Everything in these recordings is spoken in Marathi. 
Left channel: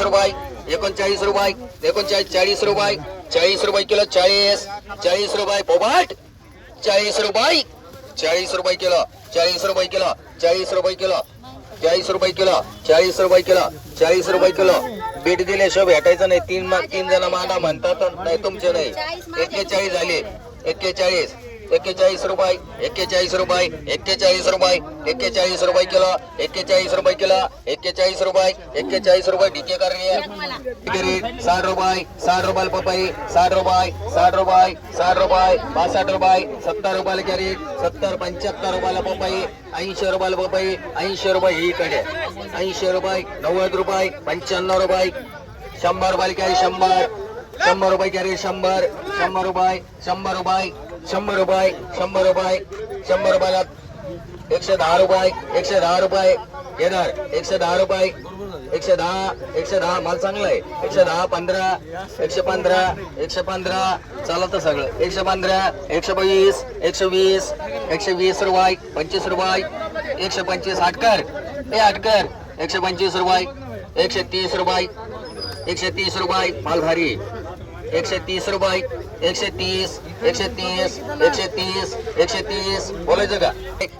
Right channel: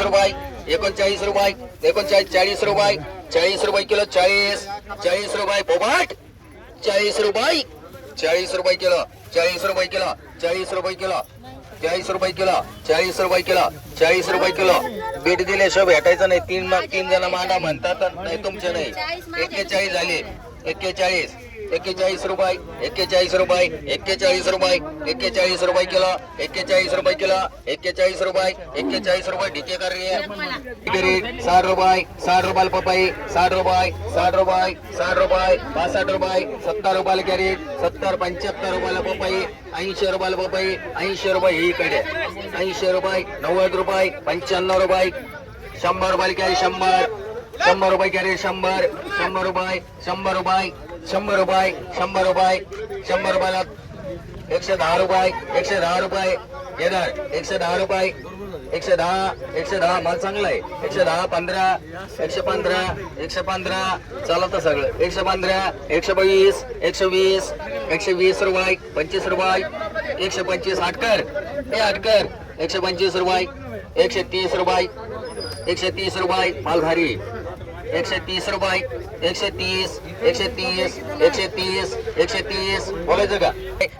पन्नास रुपये एकोणचाळीस रुपये एकोणचाळीस चाळीस रुपये चाळीस रुपये किलो चाळीस चाळीस रुपये पोबाट चाळीस रुपये चाळीस रुपये किलो चाळीस रुपये किलो चाळीस रुपये किलो चाळीस रुपये किलो चाळीस रुपये किलो चाळीस रुपये किलो. बीट दिल्याशिवाय भेटायचं नाही. तीन तीन जण मांडा म्हणतात नाही तुमचे नाही. एक्केचाळीस झाले. एक्केचाळीस. एक्केचाळीस रुपये एक्केचाळीस रुपये एक्केचाळीस रुपये एक्केचाळीस रुपये किलो एक्केचाळीस रुपये किलो एक्केचाळीस रुपये एक्केचाळीस रुपये डीके कर रे साठ रुपये साठ रुपयाला पपई साठ रुपये साठ रुपये साठ रुपये पासष्ट रुपये सत्तर रुपयाला कॅरेट सत्तर पंच्याहत्तर रुपयाला पपई ऐंशी रुपयाला पपई ऐंशी रुपये ही कडे ऐंशी रुपये नव्वद रुपये पंच्याण्णव रुपये शंभर रुपयाला कॅरी शंभर शंभर रुपये कॅरेट शंभर शंभर रुपये शंभर रुपये शंभर रुपये शंभर रुपये शंभर रुपयाला एकशे दहा रुपये एकशे दहा रुपये येणार. एकशे दहा रुपये एकशे दहा एकशे दहा. माल चांगला आहे. एकशे दहा पंधरा एकशे पंधरा एकशे पंधरा. चालत सगळं. एकशे पंधरा एकशे वीस एकशे वीस एकशे वीस रुपये पंचवीस रुपये एकशे पंचवीस आटकर हे आटकर एकशे पंचवीस रुपये एकशे तीस रुपये एकशे तीस रुपये. माल भारी एकशे तीस रुपये. एकशे तीस एकशे तीस एकशे तीस एकशे तीस. बोलायचं का?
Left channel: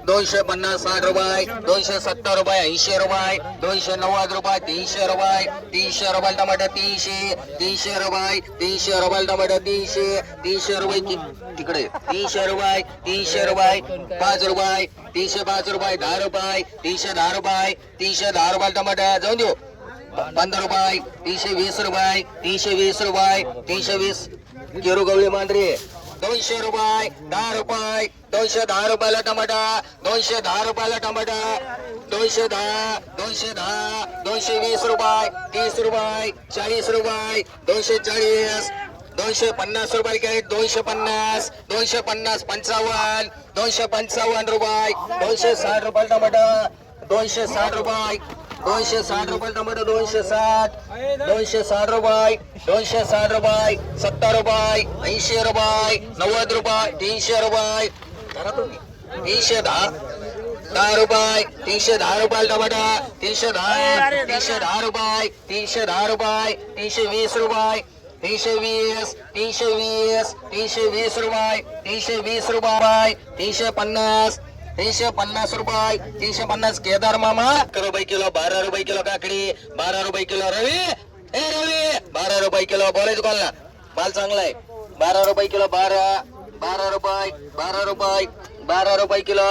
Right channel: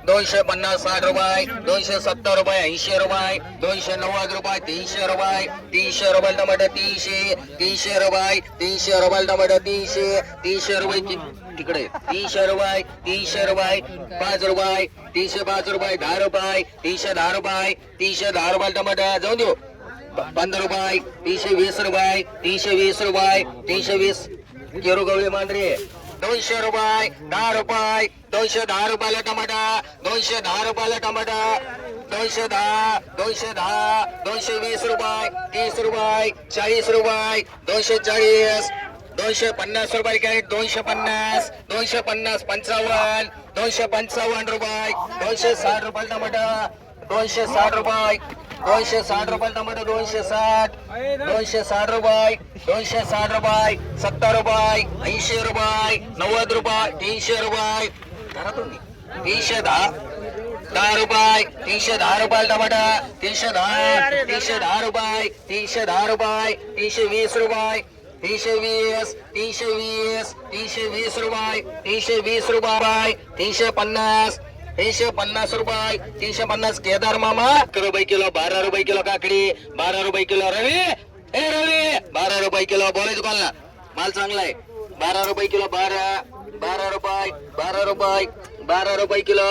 दोनशे पन्नास साठ रुपये दोनशे सत्तर रुपये ऐंशी रुपये दोनशे नव्वद रुपये तीनशे रुपये तीनशे रुपये टमाटर तीनशे तीनशे रुपये तीनशे रुपये टमाटर तीनशे तीनशे रुपये तिकडे. तीनशे रुपये तीनशे रुपये पाच रुपये तीनशे पाच रुपये दहा रुपये तीनशे दहा रुपये तीनशे दहा रुपये टमाटर जाऊन देऊ. पंधरा रुपये तीनशे वीस रुपये तीनशे वीस रुपये तीनशे वीस. केरू गवळी मांढरी दोनशे रुपये दहा रुपये दोनशे दहा रुपयाला टमाटा दोनशे दहा रुपयाला टमाटा दोनशे दहा दोनशे दहा दोनशे वीस रुपये तीस रुपये चाळीस रुपये दोनशे चाळीस दोनशे पन्नास रुपये कॅरेट दोनशे पन्नास दोनशे पन्नास पंचावन्न दोनशे पंचावन्न रुपये दोनशे साठ रुपये टमाटा दोनशे साठ रुपये. दोनशे साठ रुपये टमाटर दोनशे साठ. दोनशे साठ रुपये. दोनशे साठ रुपये. सत्तर रुपये. ऐंशी रुपये. नव्वद रुपये. तीनशे रुपये. धरा तुम्ही. तीनशे दहा. दहा रुपये. तीनशे दहा रुपये टमाटा. तीनशे दहा. तीनशे दहा रुपये. तीनशे दहा रुपये. तीनशे वीस रुपये. तीनशे वीस. तीनशे वीस. तीनशे वीस रुपये. तीनशे वीस रुपये. तीनशे पन्नास. तीनशे पन्नास रुपये तीनशे पन्नास केदार मामा. अकरा रुपये किलो बारा रुपये किलो काकडी बारा रुपये किलो रवी. ए रवी बारा रुपये किलो बोलायचं कोणाला? माल चांगला आहे. बारा रुपये किलो बारा बारा रुपये बारा रुपये बारा रुपये किलो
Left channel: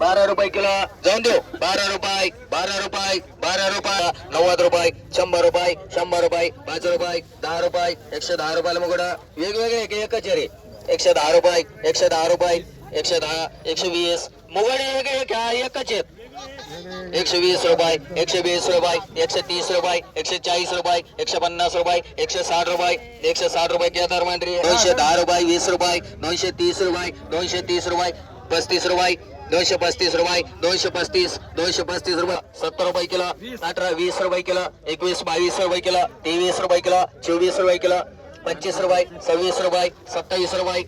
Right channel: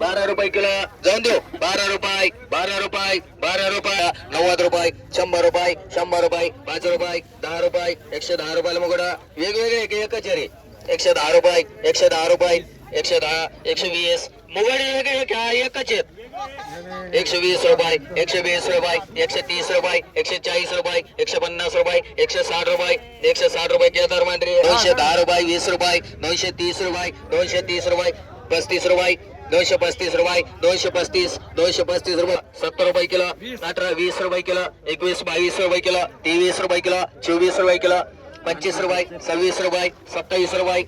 बारा रुपये किलो. जाऊन देऊ. बारा रुपये बारा रुपये बारा रुपये नव्वद रुपये शंभर रुपये शंभर रुपये पाच रुपये दहा रुपये एकशे दहा रुपयाला मुगडा वेगवेगळे एक एकच रे एकशे दहा रुपये एकशे दहा रुपये एकशे दहा एकशे वीस वेगळे एकच आहेत एकशे वीस रुपये एकशे वीस रुपये एकशे तीस रुपये एकशे चाळीस रुपये एकशे पन्नास रुपये एकशे साठ रुपये एकशे साठ रुपये केदार मांडरी दोनशे दहा रुपये वीस रुपये दोनशे तीस रुपये दोनशे तीस रुपये पस्तीस रुपये दोनशे पस्तीस रुपये दोनशे पस्तीस दोनशे पस्तीस रुपये सत्तर रुपये किलो अठरा वीस रुपये किलो एकवीस बावीस रुपये किलो तेवीस रुपये किलो चोवीस रुपये किलो पंचवीस रुपये सव्वीस रुपये सत्तावीस रुपये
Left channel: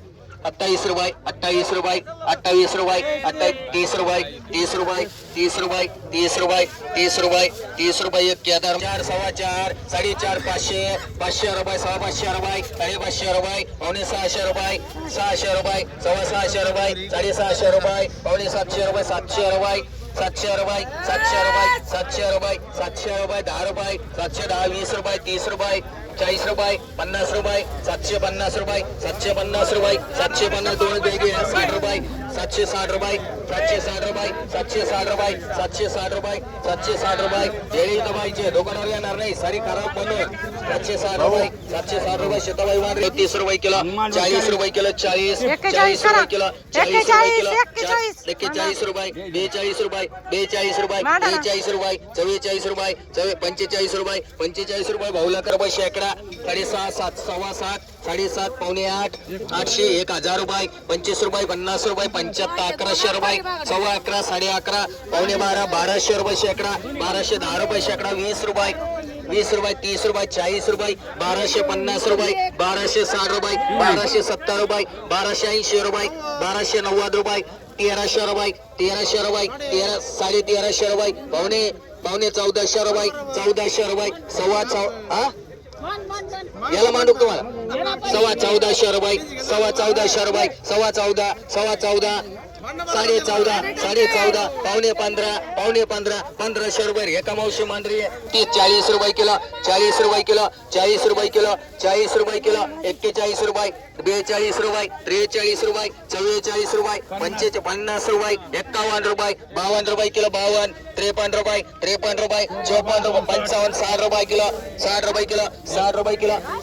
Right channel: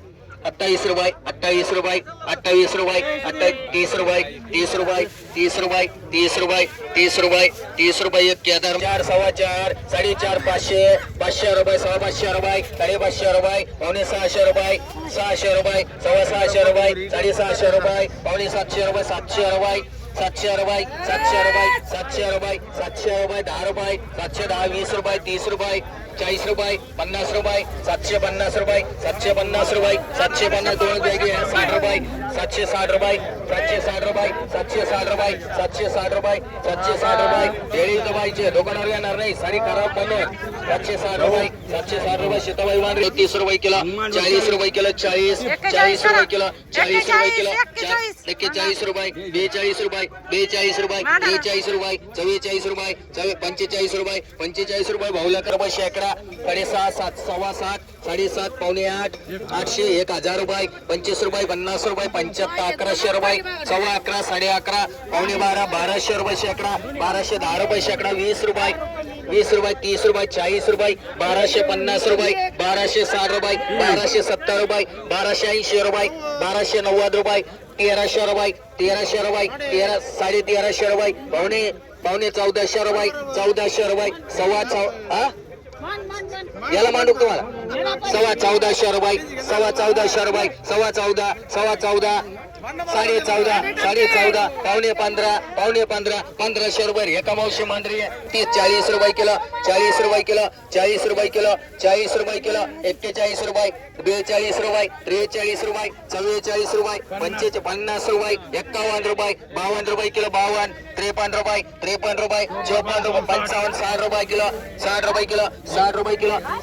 अठ्ठावीस रुपये अठ्ठावीस रुपये अठ्ठावीस रुपये अठ्ठावीस तीस रुपये तीस रुपये तीस रुपये तीस रुपये तीस रुपये तीस रुपये एक केदार. चार सव्वा चार साडेचार पाचशे पाचशे रुपये सव्वा पाचशे रुपये साडेपाचशे रुपये पावणे सहाशे रुपये सहाशे रुपये सव्वा सहाशे रुपये साडेसहाशे रुपये पावणे सातशे रुपये सातशे रुपये. सातशे रुपये सातशे रुपये सातशे रुपये सातशे रुपये दहा रुपये सातशे दहा वीस रुपये तीस रुपये चाळीस रुपये पन्नास रुपये सातशे पन्नास रुपये सातशे पन्नास रुपये सातशे पन्नास दोन साठ रुपये सातशे साठ रुपये सातशे साठ रुपये सातशे साठ रुपये सातशे साठ रुपये सातशे साठ रुपये जेळी तर पाहिजे दुकानावर येणार नाही सारी खराब बनव सातशे साठ रुपये सातशे साठ रुपये शेताबाई मांडले तीस रुपये किलो चाळीस रुपये किलो चाळीस चाळीस रुपये किलो चाळीस रुपये किलो एक्केचाळीस रुपये बेचाळीस रुपये बेचाळीस रुपये बेचाळीस रुपये चव्वेचाळीस रुपये चव्वे पंचेचाळीस रुपये पंचेचाळीस रुपये भाऊला रुपये शेकडा साडेसहा सात सव्वा सात साडेसात पावणे आठ आठशे एक हजार रुपये पंचवीस रुपये पन्नास रुपये पंच्याहत्तर अकराशे रुपये सव्वा अकरा साडे अकरा पावणे बारा बाराशे रुपये शेकडा बाराशे दहा रुपये शेकडा वीस रुपये वीस रुपये तीस रुपये चाळीस रुपये बाराशे पन्नास रुपये बाराशे साठ रुपये बाराशे सत्तर रुपये बाराशे ऐंशी रुपये बाराशे नव्वद रुपये तेराशे रुपये तेराशे रुपये तेरा साडे तेराशे रुपये पावणे पावणे चौदाशे रुपये चौदाशे रुपये सव्वा चौ हा? याला मांडू का तुम्हाला? सव्वा शर बाईक सव्वा चौदा शहर बाईक सव्वा चौदा सव्वा चौदा. साडे चौदा साडे चौदा पावणे पंधरा पावणे पंधरा पंधराशे रुपये एका मावशी मांडरी आहे. ती चाळीस रुपये किलो चाळीस रुपये किलो चाळीस रुपये किलो चाळीस रुपये किलो एक्केचाळीस रुपये बेचाळीस रुपये त्रेचाळीस रुपये चव्वेचाळीस रुपये पंचेचे पन्नास रुपये एक्कावन्न रुपये बावन्न रुपये किलो बावन्न त्रेपन्न रुपये त्रेपन्न रुपये चौपन्न रुपये पंचावन्न साठ रुपये किलो साठ रुपये किलो साठ रुपये किलो.